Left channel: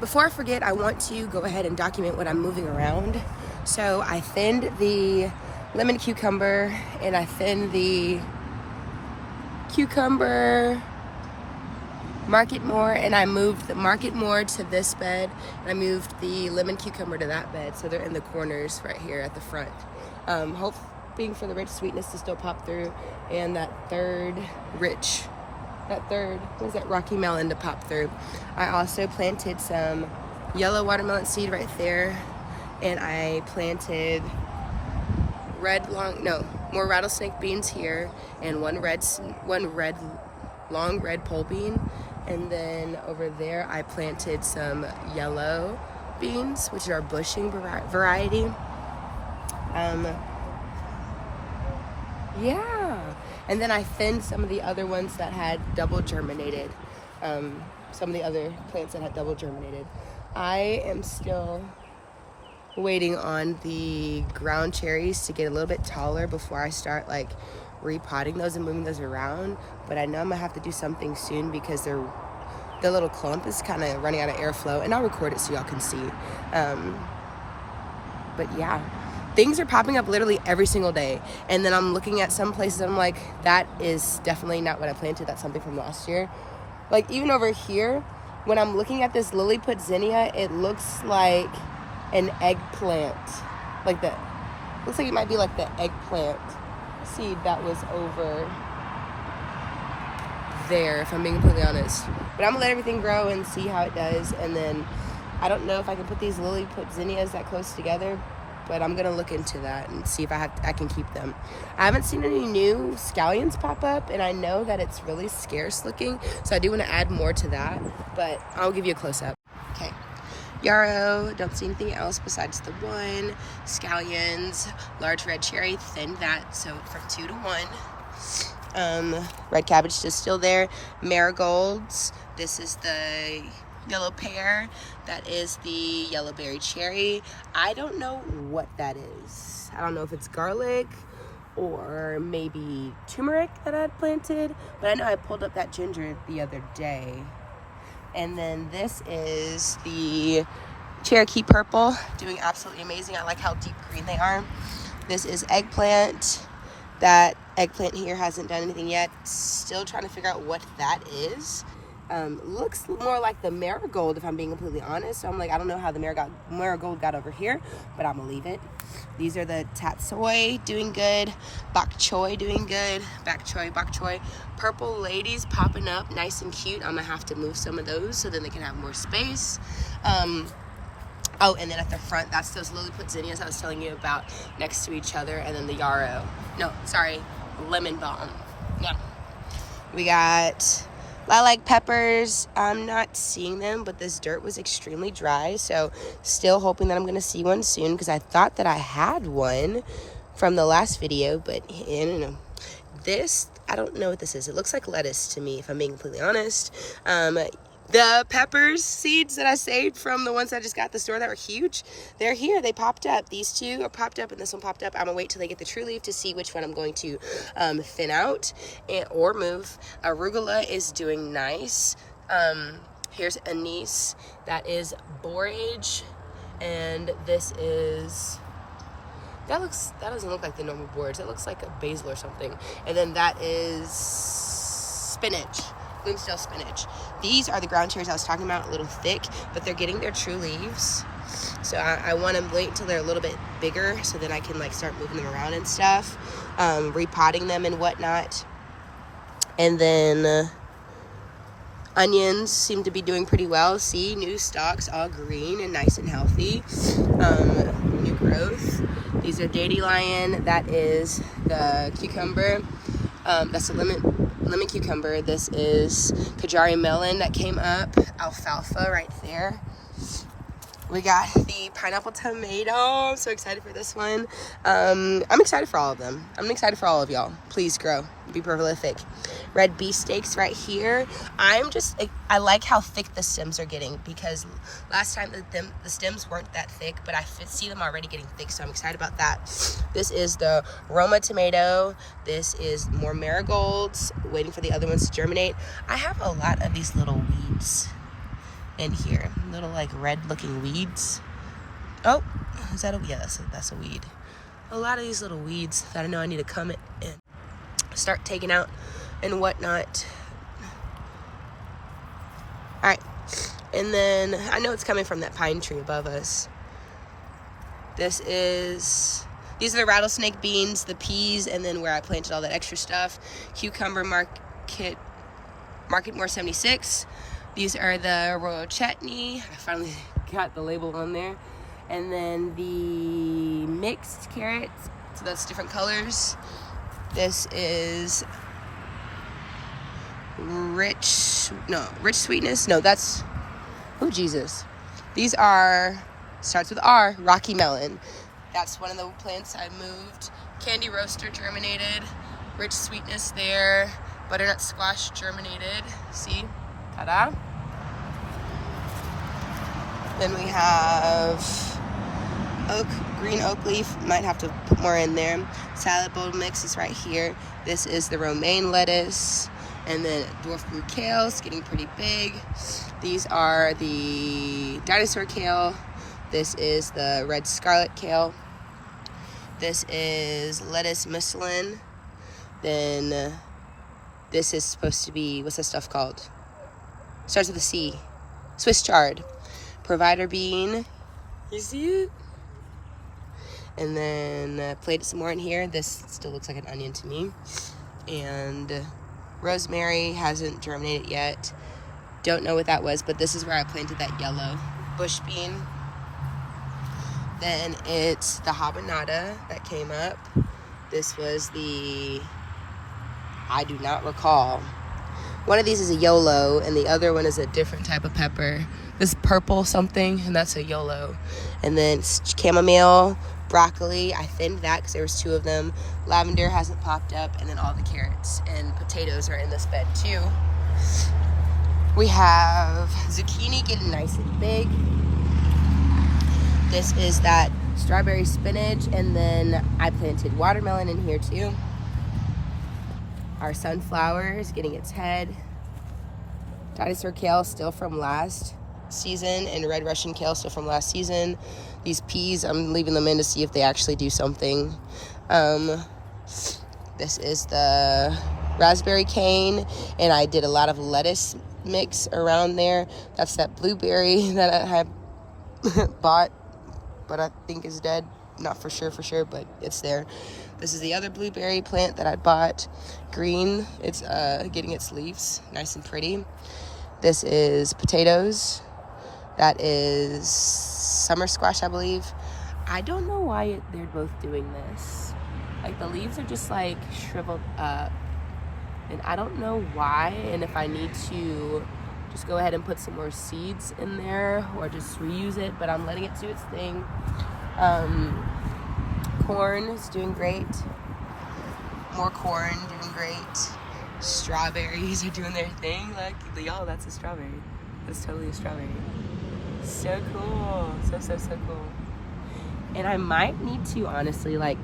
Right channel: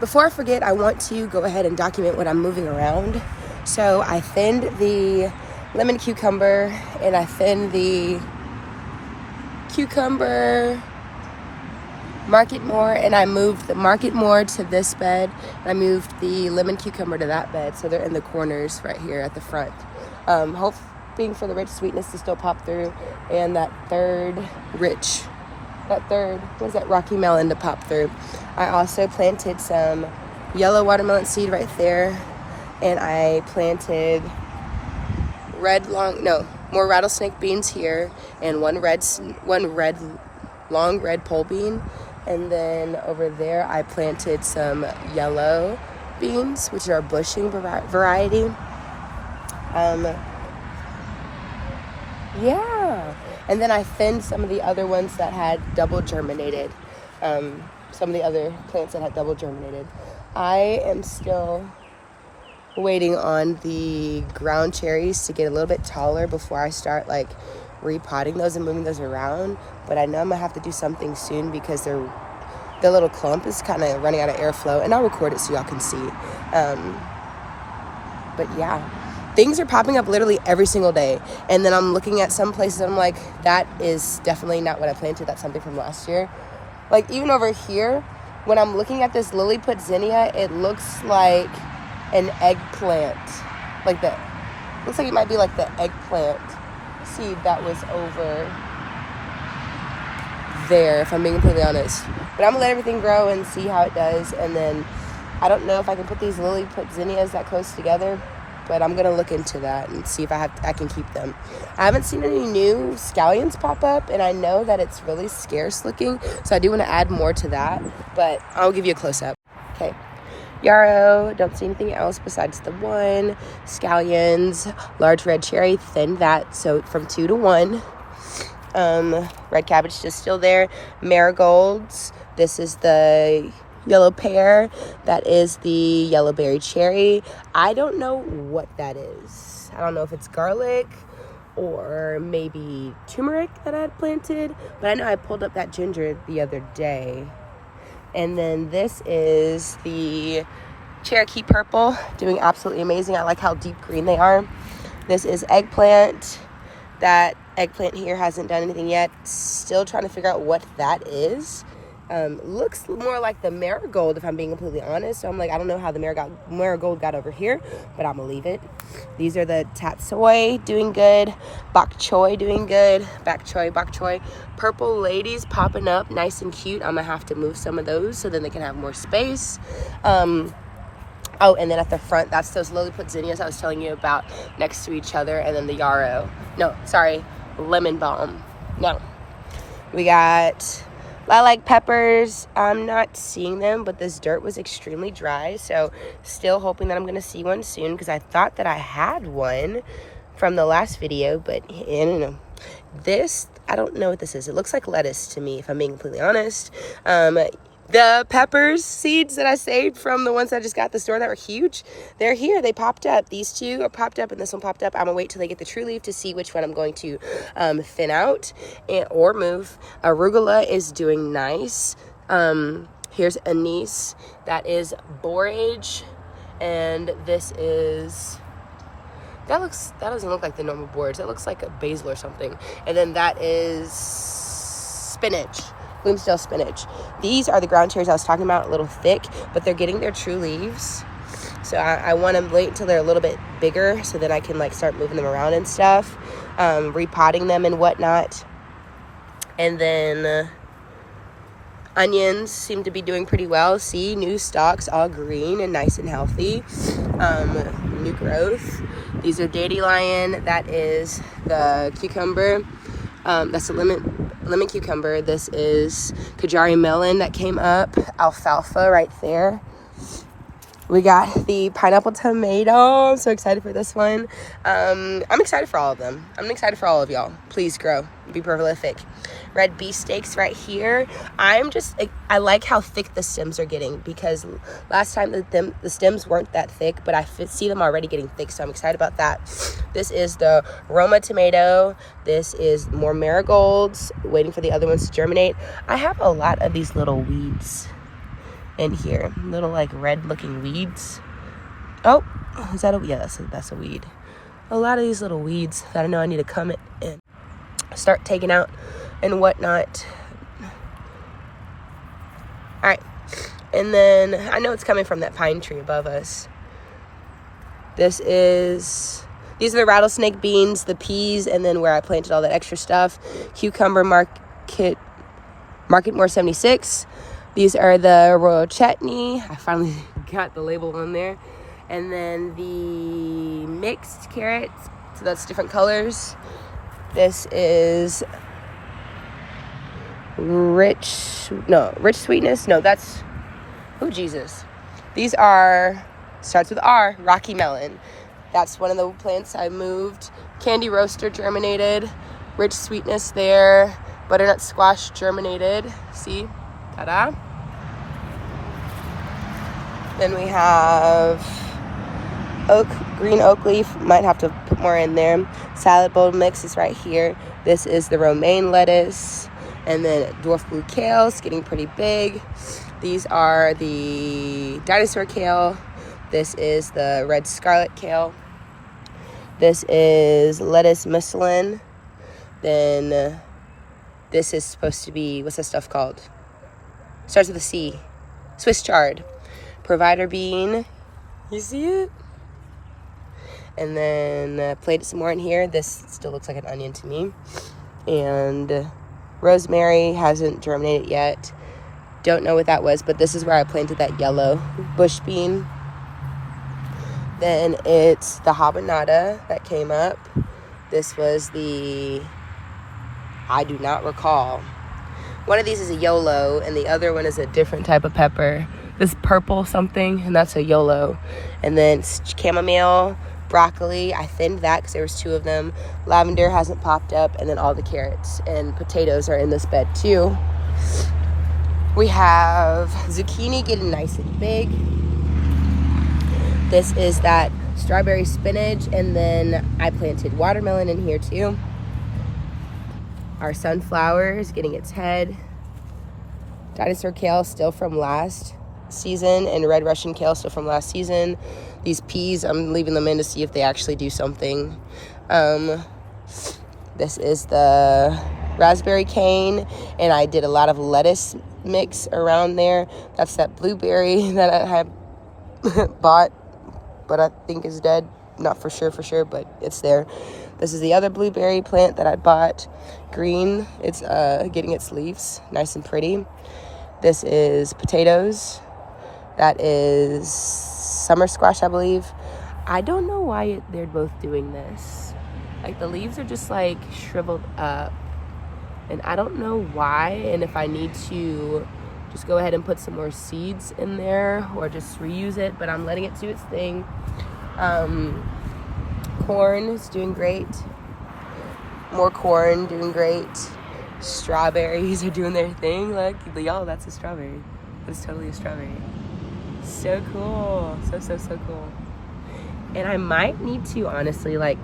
before I forget, I want to go ahead and document what I'm moving around. So I thinned the lemon cucumber, and I thinned the cucumber market more, and I moved the market more to this bed. I moved the lemon cucumber to that bed, so they're in the corners right here at the front. Hoping for the rich sweetness to still pop through, and that third rocky melon to pop through. I also planted some yellow watermelon seed right there, and I planted more rattlesnake beans here, and one long red pole bean. And then over there I planted some yellow beans, which are bushing variety. Yeah. And then I thinned some of the other ones that had double germinated. Some of the other plants that had double germinated. I am still waiting on the ground cherries to get a little bit taller before I start like repotting those and moving those around. But I know I'm gonna have to do something soon because the little clump is kind of running out of airflow, and I'll record it so y'all can see. But yeah, things are popping up literally every single day. And then I'm looking at some places, I'm like, that is definitely not what I planted. That's something from last year. Like even over here, when I'm looking at this Lilliput zinnia, it looks like an eggplant. Looks like it might be like the eggplant seed that was over there, if I'm being completely honest. But I'm gonna let everything grow and see how it does. And then I don't know if I can put these Lilliput zinnias that close together, but I'm gonna look into that and see if I can keep them. I haven't seen any new scallions pop up, and I know that it's really scarce looking, so I do want to add more to that, but I'll give you a close-up. Okay, yarrow, don't see anything else besides the one. Scallions, large red cherry, thinned that, so from 2 to 1. Red cabbage is still there. Marigolds, this is the yellow pear, that is the yellow berry cherry. I don't know what that is. I don't know if it's garlic or maybe turmeric that I had planted, but I know I pulled up that ginger the other day. And then this is the Cherokee purple, doing absolutely amazing. I like how deep green they are. This is eggplant. That eggplant here hasn't done anything yet. Still trying to figure out what that is. Looks more like the marigold, if I'm being completely honest. So I'm like, I don't know how the marigold got over here, but I'm gonna leave it. These are the tatsoi, doing good. Bok choy, doing good. Bok choy. Purple ladies popping up, nice and cute. I'm gonna have to move some of those so then they can have more space. Oh, and then at the front, that's those Lilliput zinnias I was telling you about next to each other, and then the yarrow. No, sorry, lemon balm. No. We got lilac peppers. I'm not seeing them, but this dirt was extremely dry, so still hoping that I'm going to see one soon, because I thought that I had one from the last video, but I don't know. This, I don't know what this is. It looks like lettuce to me, if I'm being completely honest. The peppers seeds that I saved from the ones I just got at the store that were huge, they're here. They popped up. These two are popped up, and this one popped up. I'm going to wait till they get the true leaf to see which one I'm going to thin out or move. Arugula is doing nice. Here's anise. That is borage. And this is... That doesn't look like the normal borage. That looks like a basil or something. And then that is spinach. Bloomsdale spinach. These are the ground cherries I was talking about, a little thick, but they're getting their true leaves. So I want to wait until they're a little bit bigger so that I can like start moving them around and stuff, repotting them and whatnot. And then onions seem to be doing pretty well. See, new stalks, all green and nice and healthy. New growth. These are dandelion. That is the cucumber. That's the lemon cucumber. This is Kajari melon that came up. Alfalfa right there. We got the pineapple tomato. I'm so excited for this one. I'm excited for all of them. I'm excited for all of y'all. Please grow. Be prolific. Red beefsteaks right here. I like how thick the stems are getting, because last time the stems weren't that thick, but I see them already getting thick, so I'm excited about that. This is the Roma tomato. This is more marigolds, waiting for the other ones to germinate. I have a lot of these little weeds in here. Little like red looking weeds. Oh, is that a, yeah, that's a weed. A lot of these little weeds that I know I need to come and start taking out and whatnot. All right, and then I know it's coming from that pine tree above us. These are the rattlesnake beans, the peas, and then where I planted all that extra stuff. Cucumber Marketmore 76. These are the royal chutney. I finally got the label on there. And then the mixed carrots, so that's different colors. This is rich sweetness. No, that's, oh Jesus. These are, starts with R, Rocky Melon. That's one of the plants I moved. Candy roaster germinated. Rich sweetness there. Butternut squash germinated. See? Ta-da. Then we have green oak leaf. Might have to put more in there. Salad bowl mix is right here. This is the romaine lettuce. And then dwarf blue kale. It's getting pretty big. These are the dinosaur kale. This is the red scarlet kale. This is lettuce Michelin. Then this is supposed to be, what's this stuff called? Starts with a C. Swiss chard. Provider bean. You see it? And then planted some more in here. This still looks like an onion to me. And rosemary hasn't germinated yet. Don't know what that was, but this is where I planted that yellow bush bean. Then it's the habanada that came up. This was the, I do not recall. One of these is a YOLO, and the other one is a different type of pepper. This purple something, and that's a YOLO. And then chamomile, broccoli. I thinned that because there was 2 of them. Lavender hasn't popped up, and then all the carrots and potatoes are in this bed too. We have zucchini getting nice and big. This is that strawberry spinach, and then I planted watermelon in here too. Our sunflower is getting its head. Dinosaur kale still from last season, and red Russian kale still from last season. These peas, I'm leaving them in to see if they actually do something. This is the raspberry cane, and I did a lot of lettuce mix around there. That's that blueberry that I had bought, but I think is dead. Not for sure, but it's there. This is the other blueberry plant that I bought. Green, it's getting its leaves nice and pretty. This is potatoes. That is summer squash, I believe. I don't know why they're both doing this. Like, the leaves are just like shriveled up, and I don't know why, and if I need to just go ahead and put some more seeds in there or just reuse it, but I'm letting it do its thing. Corn is doing great. More corn, doing great. Strawberries are doing their thing. Look, y'all, that's a strawberry. That's totally a strawberry. So cool. So cool. And I might need to honestly like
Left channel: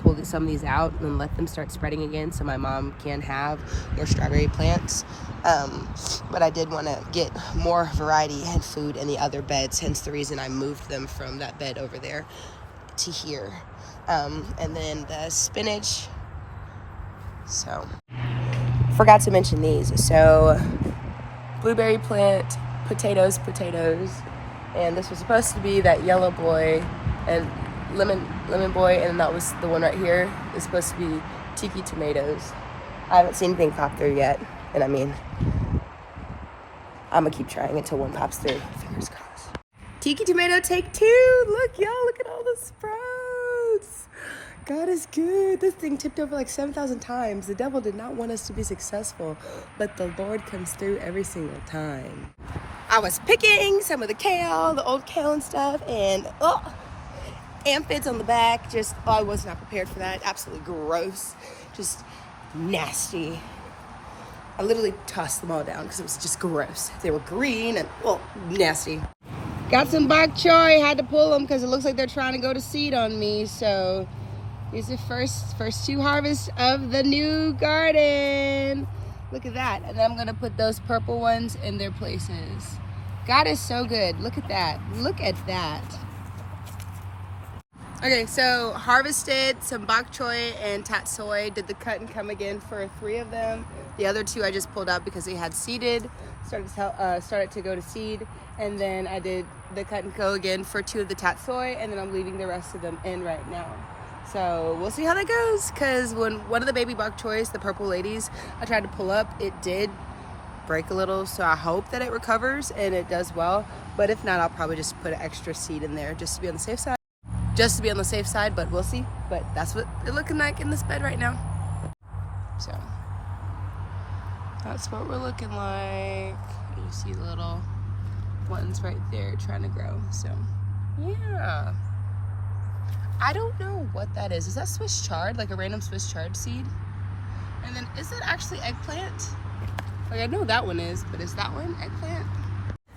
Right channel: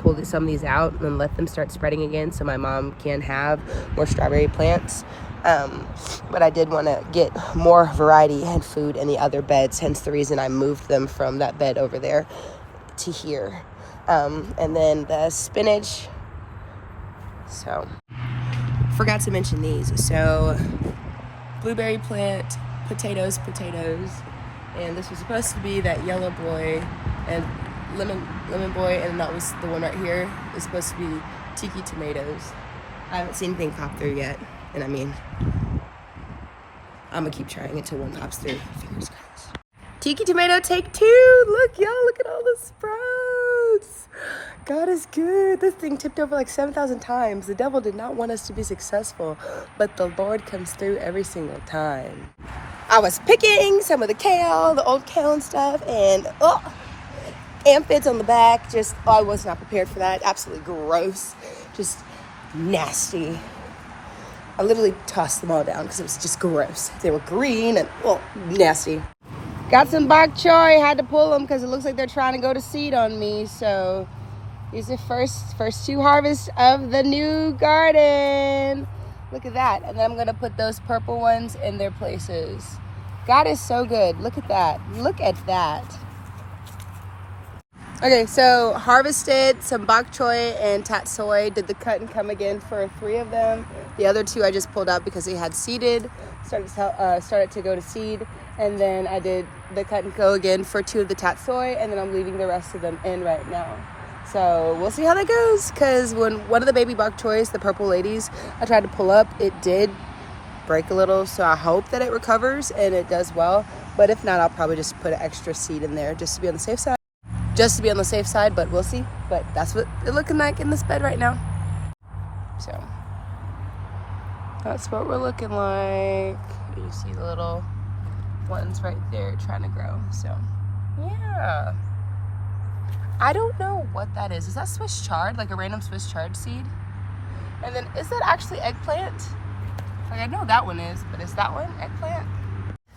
pull some of these out and let them start spreading again so my mom can have more strawberry plants. But I did want to get more variety and food in the other beds, hence the reason I moved them from that bed over there to here. And then the spinach. So, forgot to mention these. So, blueberry plant, potatoes. And this was supposed to be that yellow boy and lemon boy, and that was the one right here. It's supposed to be tiki tomatoes. I haven't seen anything pop through yet, and I mean, I'm gonna keep trying until one pops through. Fingers crossed. Tiki tomato take 2. Look, y'all, look at all the sprouts. God is good. This thing tipped over like 7,000 times. The devil did not want us to be successful, but the Lord comes through every single time. I was picking some of the kale, the old kale and stuff, and aphids on the back. Just, I was not prepared for that. Absolutely gross. Just nasty. I literally tossed them all down because it was just gross. They were green and nasty. Got some bok choy. Had to pull them because it looks like they're trying to go to seed on me. So these are first 2 harvests of the new garden. Look at that. And then I'm going to put those purple ones in their places. God is so good. Look at that. Look at that. Okay, so harvested some bok choy and tatsoi. Did the cut and come again for 3 of them. The other 2 I just pulled out because they had seeded. Started to go to seed. And then I did the cut and go again for 2 of the tatsoi. And then I'm leaving the rest of them in right now. So we'll see how that goes. Because when one of the baby bok choys, the purple ladies, I tried to pull up, it did break a little. So I hope that it recovers and it does well. But if not, I'll probably just put an extra seed in there just to be on the safe side. But we'll see. But that's what it's looking like in this bed right now. So that's what we're looking like. You see the little ones right there trying to grow. So yeah, I don't know what that is. Is that Swiss chard, like a random Swiss chard seed? And then is that actually eggplant? Like I know that one is, but is that one eggplant?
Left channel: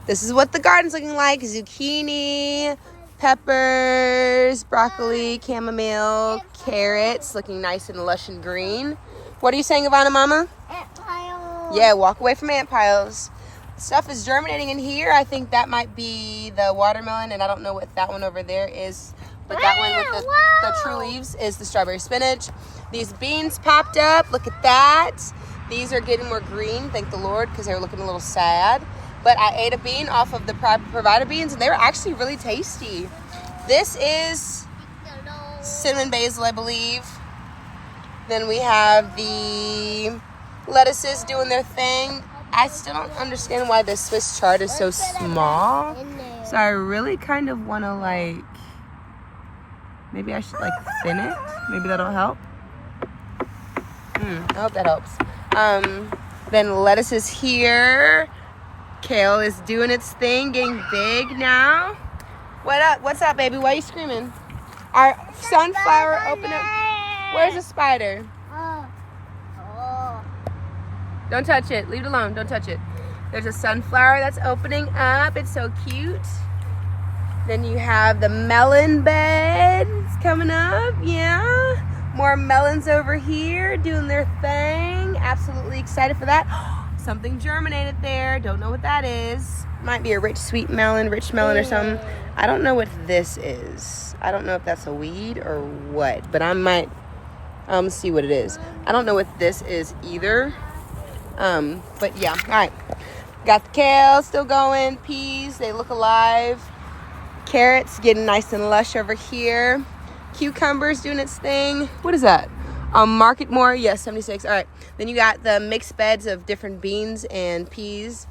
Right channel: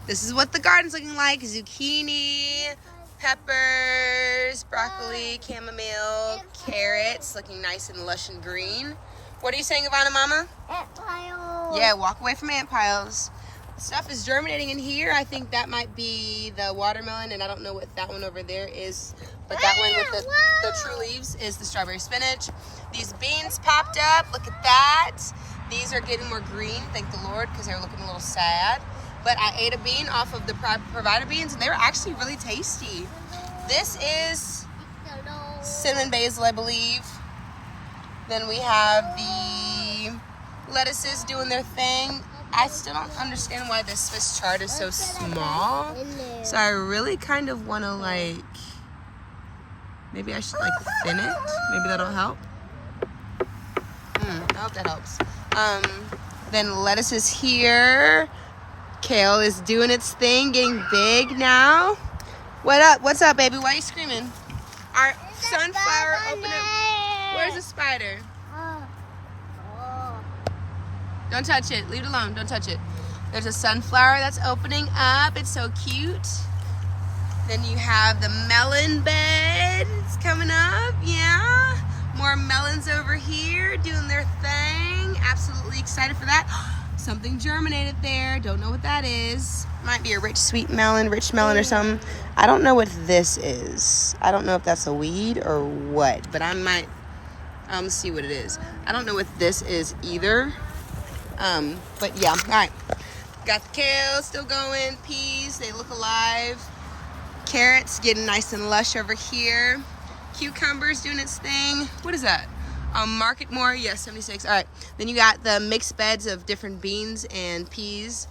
This is what the garden's looking like. Zucchini, peppers, broccoli, chamomile, carrots, looking nice and lush and green. What are you saying, Ivana Mama? Ant piles. Yeah, walk away from ant piles. Stuff is germinating in here. I think that might be the watermelon, and I don't know what that one over there is. But that one with the true leaves is the strawberry spinach. These beans popped up. Look at that. These are getting more green, thank the Lord, because they were looking a little sad. But I ate a bean off of the Provider beans, and they were actually really tasty. This is cinnamon basil, I believe. Then we have the lettuces doing their thing. I still don't understand why the Swiss chard is so small. So I really kind of want to like, maybe I should like thin it. Maybe that'll help. I hope that helps. Then lettuce is here. Kale is doing its thing, getting big now. What up? What's up, baby? Why are you screaming? Our sunflower open up. Where's the spider? Don't touch it. Leave it alone. Don't touch it. There's a sunflower that's opening up. It's so cute. Then you have the melon beds coming up. Yeah. More melons over here doing their thing. Absolutely excited for that. Something germinated there. Don't know what that is. Might be a rich melon or something. I don't know what this is. I don't know if that's a weed or what, but I might see what it is. I don't know what this is either. But yeah, all right. Got the kale still going. Peas, they look alive. Carrots getting nice and lush over here. Cucumbers doing its thing. What is that? Market more, yes, 76. All right. Then you got the mixed beds of different beans and peas.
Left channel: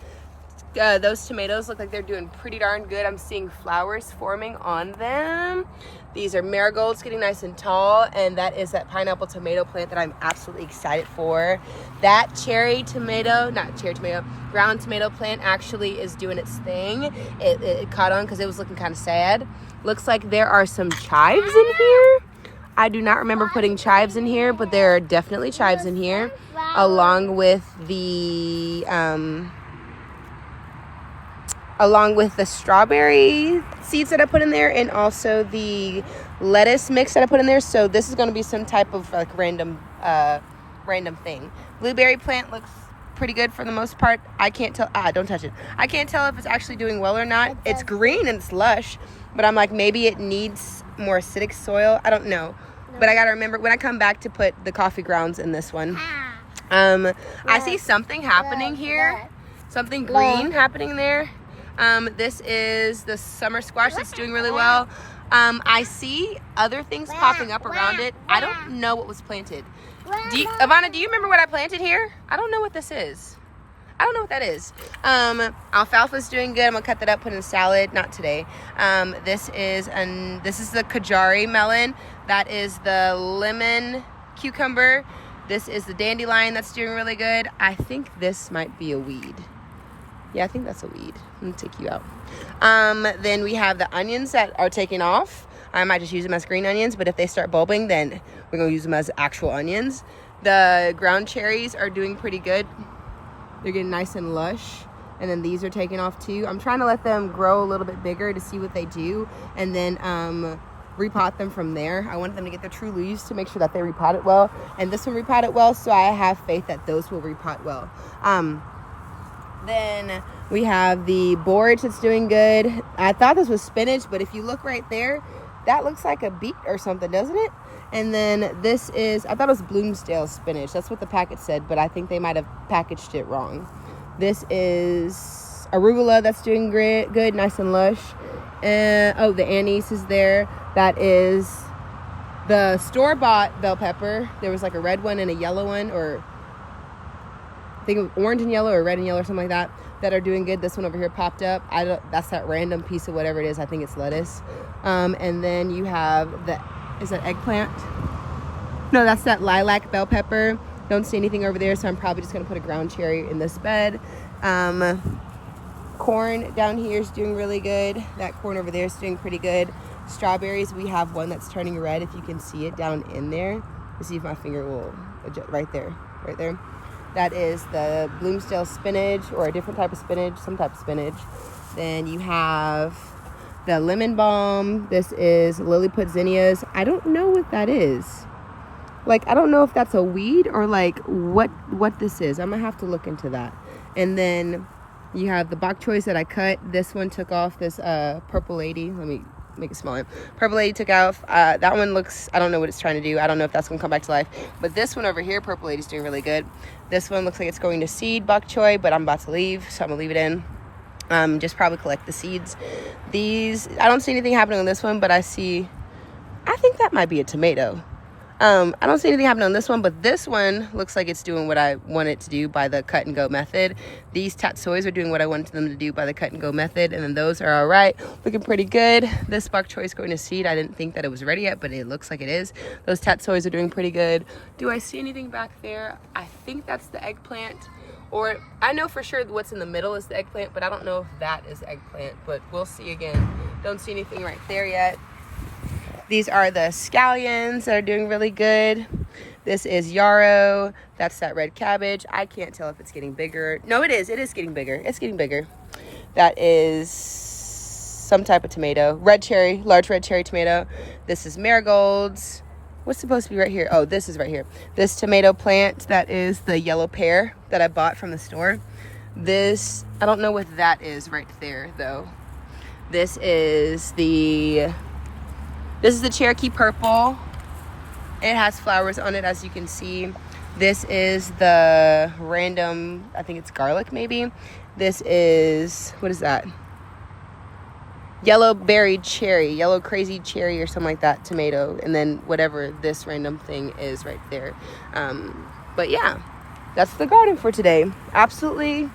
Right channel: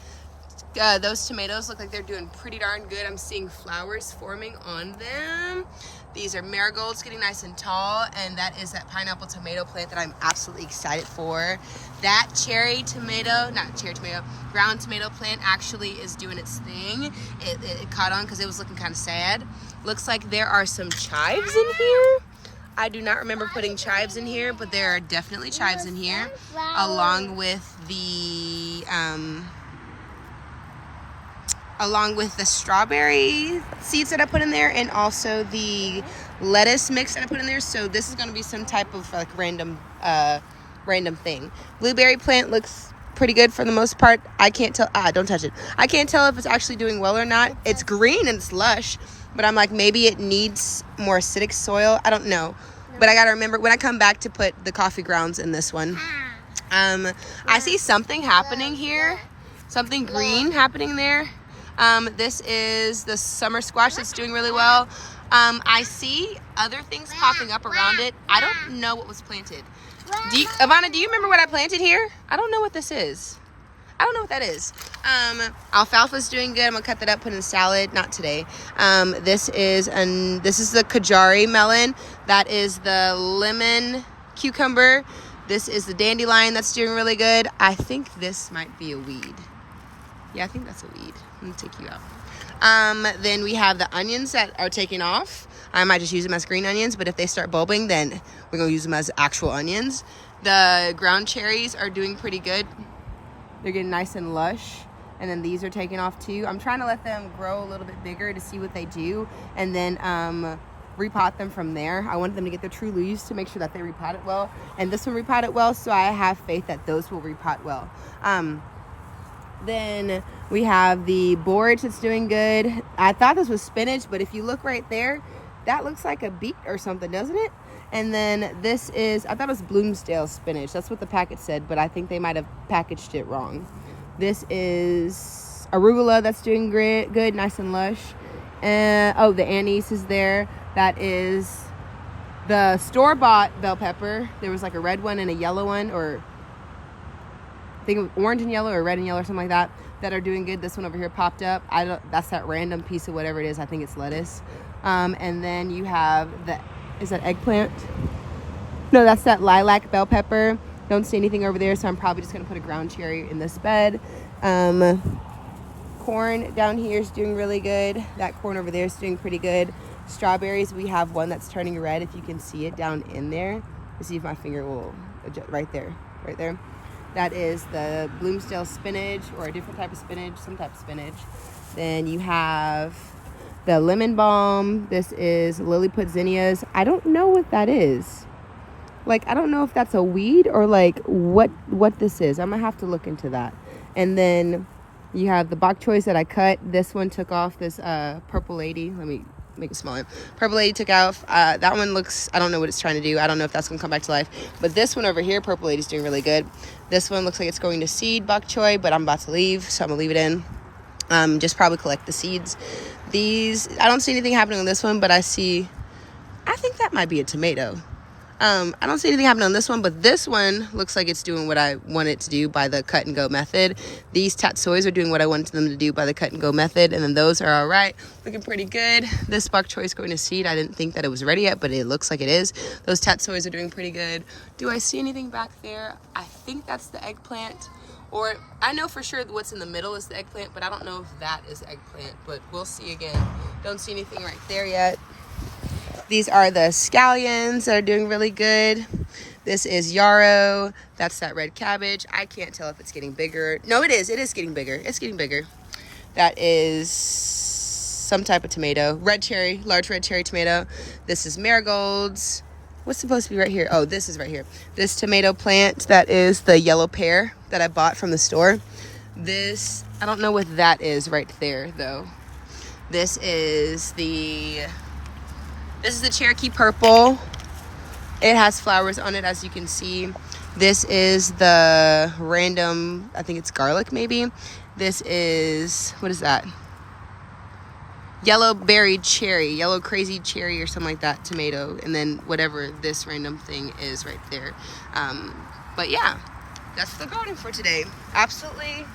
Those tomatoes look like they're doing pretty darn good. I'm seeing flowers forming on them. These are marigolds getting nice and tall, and that is that pineapple tomato plant that I'm absolutely excited for. That ground tomato plant actually is doing its thing. It caught on because it was looking kind of sad. Looks like there are some chives in here. I do not remember putting chives in here, but there are definitely chives in here, along with the strawberry seeds that I put in there, and also the lettuce mix that I put in there. So this is going to be some type of like random thing. Blueberry plant looks pretty good for the most part. I can't tell. Don't touch it. I can't tell if it's actually doing well or not. It's green and it's lush, but I'm like, maybe it needs more acidic soil. I don't know. But I got to remember when I come back to put the coffee grounds in this one. I see something happening here. Something green happening there. This is the summer squash that's doing really well. I see other things popping up around it. I don't know what was planted. Ivana, do you remember what I planted here? I don't know what this is. I don't know what that is. Alfalfa's doing good. I'm gonna cut that up, put in a salad. Not today. This is the Kajari melon. That is the lemon cucumber. This is the dandelion that's doing really good. I think this might be a weed. Yeah, I think that's a weed. I'm gonna take you out. Then we have the onions that are taking off. I might just use them as green onions, but if they start bulbing, then we're gonna use them as actual onions. The ground cherries are doing pretty good. They're getting nice and lush. And then these are taking off too. I'm trying to let them grow a little bit bigger to see what they do, and then repot them from there. I want them to get their true leaves to make sure that they repot it well. And this one repotted well, so I have faith that those will repot well. Then we have the borage that's doing good. I thought this was spinach, but if you look right there, that looks like a beet or something, doesn't it? And then this is, I thought it was Bloomsdale spinach. That's what the packet said, but I think they might have packaged it wrong. This is arugula that's doing great, good, nice and lush. And oh, the anise is there. That is the store-bought bell pepper. There was like a red one and a yellow one, or I think it was orange and yellow or red and yellow or something like that are doing good. This one over here popped up. That's that random piece of whatever it is. I think it's lettuce. And then you have is that eggplant? No, that's that lilac bell pepper. Don't see anything over there, so I'm probably just gonna put a ground cherry in this bed. Corn down here is doing really good. That corn over there is doing pretty good. Strawberries, we have one that's turning red, if you can see it down in there. Let's see if my finger will adjust. Right there. That is the Bloomsdale spinach, or a different type of spinach, some type of spinach. Then you have the lemon balm. This is Lilliput zinnias. I don't know what that is. Like, I don't know if that's a weed or like what this is. I'm gonna have to look into that. And then you have the bok choys that I cut. This one took off this purple lady. Let me make it smaller. Purple lady took off. That one looks, I don't know what it's trying to do. I don't know if that's gonna come back to life. But this one over here, purple lady's doing really good. This one looks like it's going to seed bok choy, but I'm about to leave, so I'm gonna leave it in. Just probably collect the seeds. These, I don't see anything happening on this one, but I think that might be a tomato. I don't see anything happening on this one, but this one looks like it's doing what I want it to do by the cut and go method. These tatsoys are doing what I wanted them to do by the cut and go method, and then those are all right, looking pretty good. This bok choy is going to seed. I didn't think that it was ready yet, but it looks like it is. Those tatsoys are doing pretty good. Do I see anything back there? I think that's the eggplant, or I know for sure what's in the middle is the eggplant, but I don't know if that is eggplant, but we'll see again. Don't see anything right there yet. These are the scallions that are doing really good. This is yarrow. That's that red cabbage. I can't tell if it's getting bigger. No, it is. It is getting bigger. It's getting bigger. That is some type of tomato. Red cherry, large red cherry tomato. This is marigolds. What's supposed to be right here? Oh, this is right here. This tomato plant, that is the yellow pear that I bought from the store. This, I don't know what that is right there, though. This is the Cherokee purple. It has flowers on it, as you can see. This is the random, I think it's garlic maybe. This is, what is that? Yellow berry cherry, yellow crazy cherry or something like that, tomato. And then whatever this random thing is right there. But yeah, that's the garden for today. Absolutely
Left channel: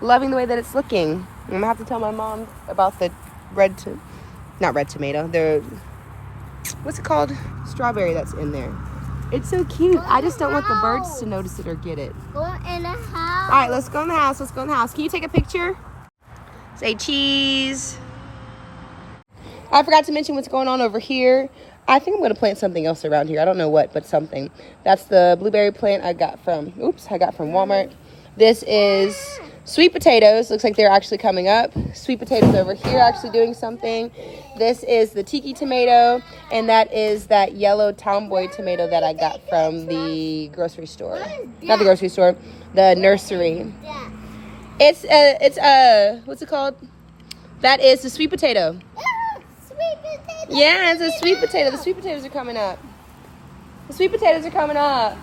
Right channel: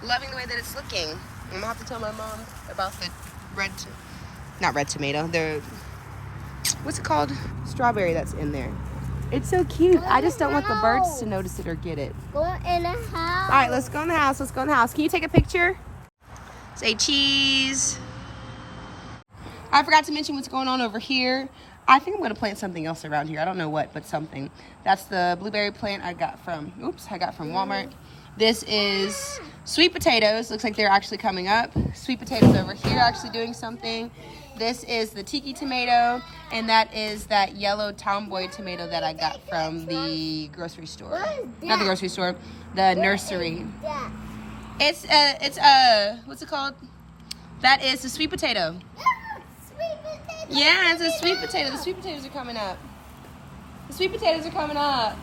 loving the way that it's looking. I'm gonna have to tell my mom about the not red tomato, what's it called? Strawberry that's in there. It's so cute. I just don't want the birds to notice it or get it. Go in the house. All right, let's go in the house. Can you take a picture? Say cheese. I forgot to mention what's going on over here. I think I'm going to plant something else around here. I don't know what, but something. That's the blueberry plant I got from Walmart. This is sweet potatoes. Looks like they're actually coming up. Sweet potatoes over here actually doing something. This is the tiki tomato, and that is that yellow tomboy tomato that I got from the grocery store. Not the grocery store, the nursery. It's what's it called? That is the sweet potato. Sweet potato. Yeah, it's a sweet potato. The sweet potatoes are coming up.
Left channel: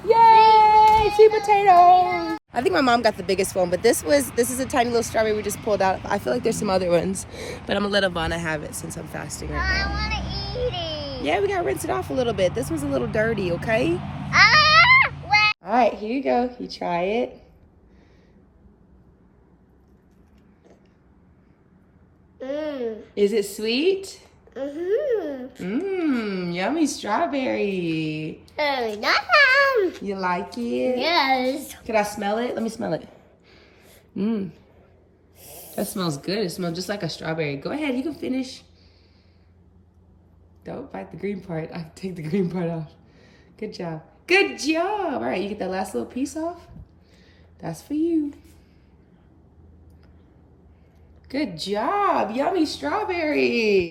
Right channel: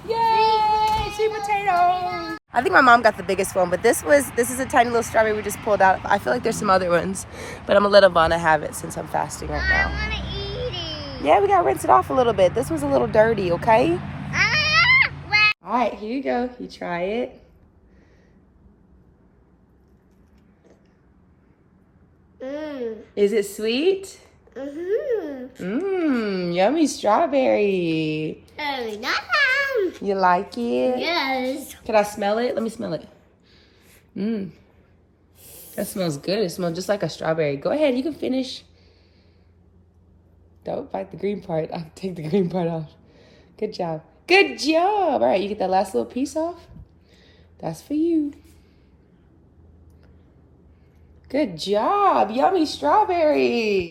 Yay! Sweet potato. I think my mom got the biggest one, but this is a tiny little strawberry we just pulled out. I feel like there's some other ones, but I'm gonna let Ivana have it since I'm fasting right now. I want to eat it. Yeah, we gotta rinse it off a little bit. This was a little dirty, okay? All right, here you go. You try it. Is it sweet? Yummy strawberry. You like it? Yes. Can I smell it? Let me smell it. That smells good. It smells just like a strawberry. Go ahead, you can finish. Don't bite the green part. I'll take the green part off. Good job. Good job. All right, you get that last little piece off? That's for you. Good job. Yummy strawberry.